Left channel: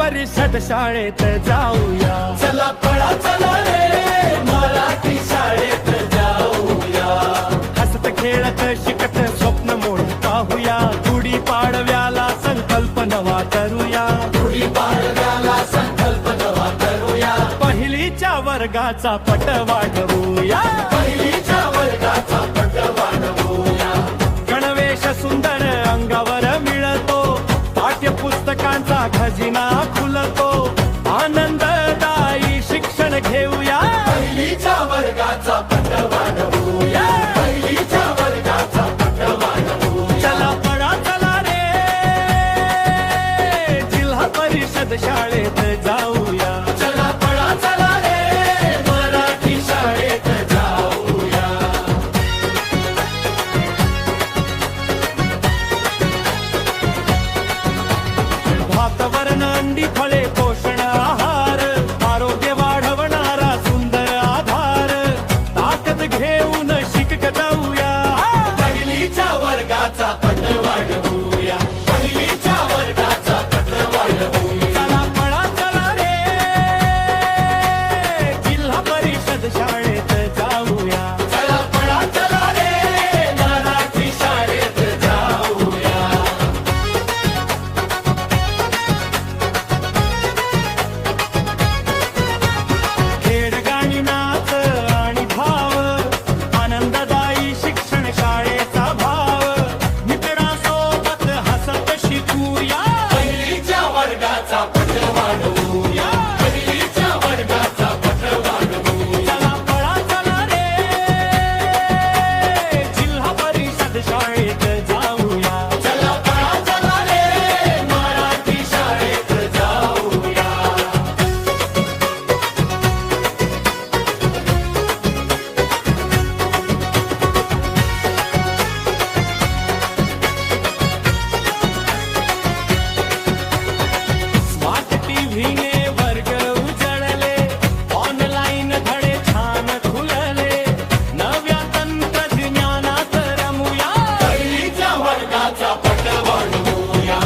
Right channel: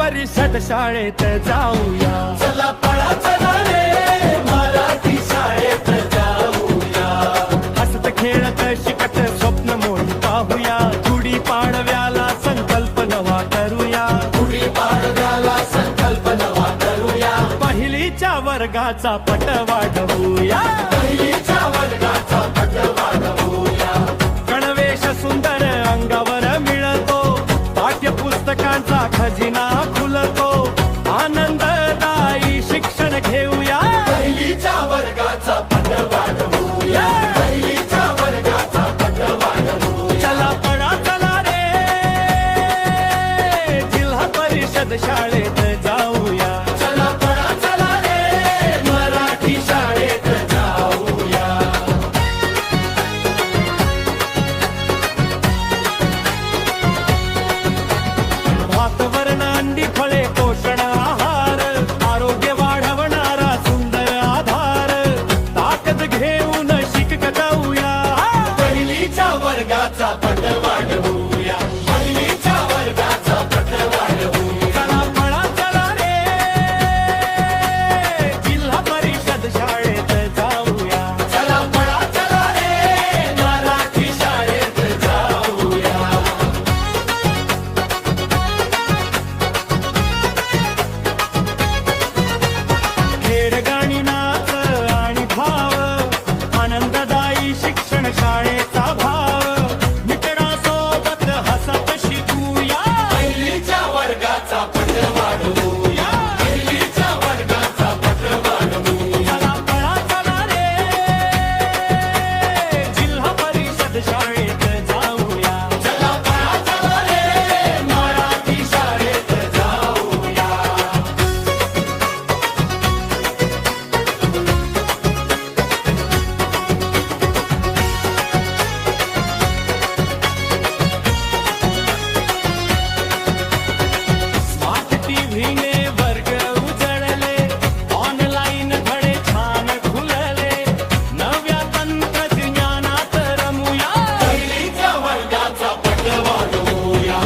परिषद शाळेत जाऊया. चला पळा चला रे मराठी शाळेत जाऊया. हसत खेळत शिकत स्वप्न मोठ पाहूया. गुढी पाडव्याला संकल्प नवा करूया. गुढी पाडव्याला संकल्प नवा करूया. पहिलीच्या वर्गाचा पट वाढवूया. पहिलीच्या वर्गाचा पट वाढवूया. गणवेश सुंदर अंगावर मिळतो. पाठ्यपुस्तकांचा खजिना खुलतो. आनंददायी शिक्षण घेऊया. पहिलीच्या वर्गाचा पट वाढवूया. पहिलीच्या वर्गाचा पट वाढवूया. चला पळा चला रे जिल्हा परिषद शाळेत जाऊया. चला पळा चला रे मराठी शाळेत जाऊया. भात वर्ण अंडी फळे पोषण आहार. आरोग्य वाढवणारा सुंदर आधार. ताकद घेऊन शिकवूया. पहिलीच्या वर्गाचा पट वाढवूया. पहिलीच्या वर्गाचा पट वाढवूया. चला पळा चला रे जिल्हा परिषद शाळेत जाऊया. चला पळा चला रे मराठी शाळेत जाऊया. खेळ गाणी नाच आणि भाव. आनंददायी शिक्षण शाळेचा भाव. मित्रांसोबत हसत शिकूया. पहिलीच्या वर्गाचा पट वाढवूया. पहिलीच्या वर्गाचा पट वाढवूया. चला पळा चला रे जिल्हा परिषद शाळेत जाऊया. चला पळा चला रे मराठी शाळेत जाऊया. स्मार्ट टीव्हीने वर्ग उजळले. ऑनलाईन धडे छान खुलले. नव्या तंत्रज्ञानात रमूया. पहिलीच्या वर्गाचा पट वाढवूया.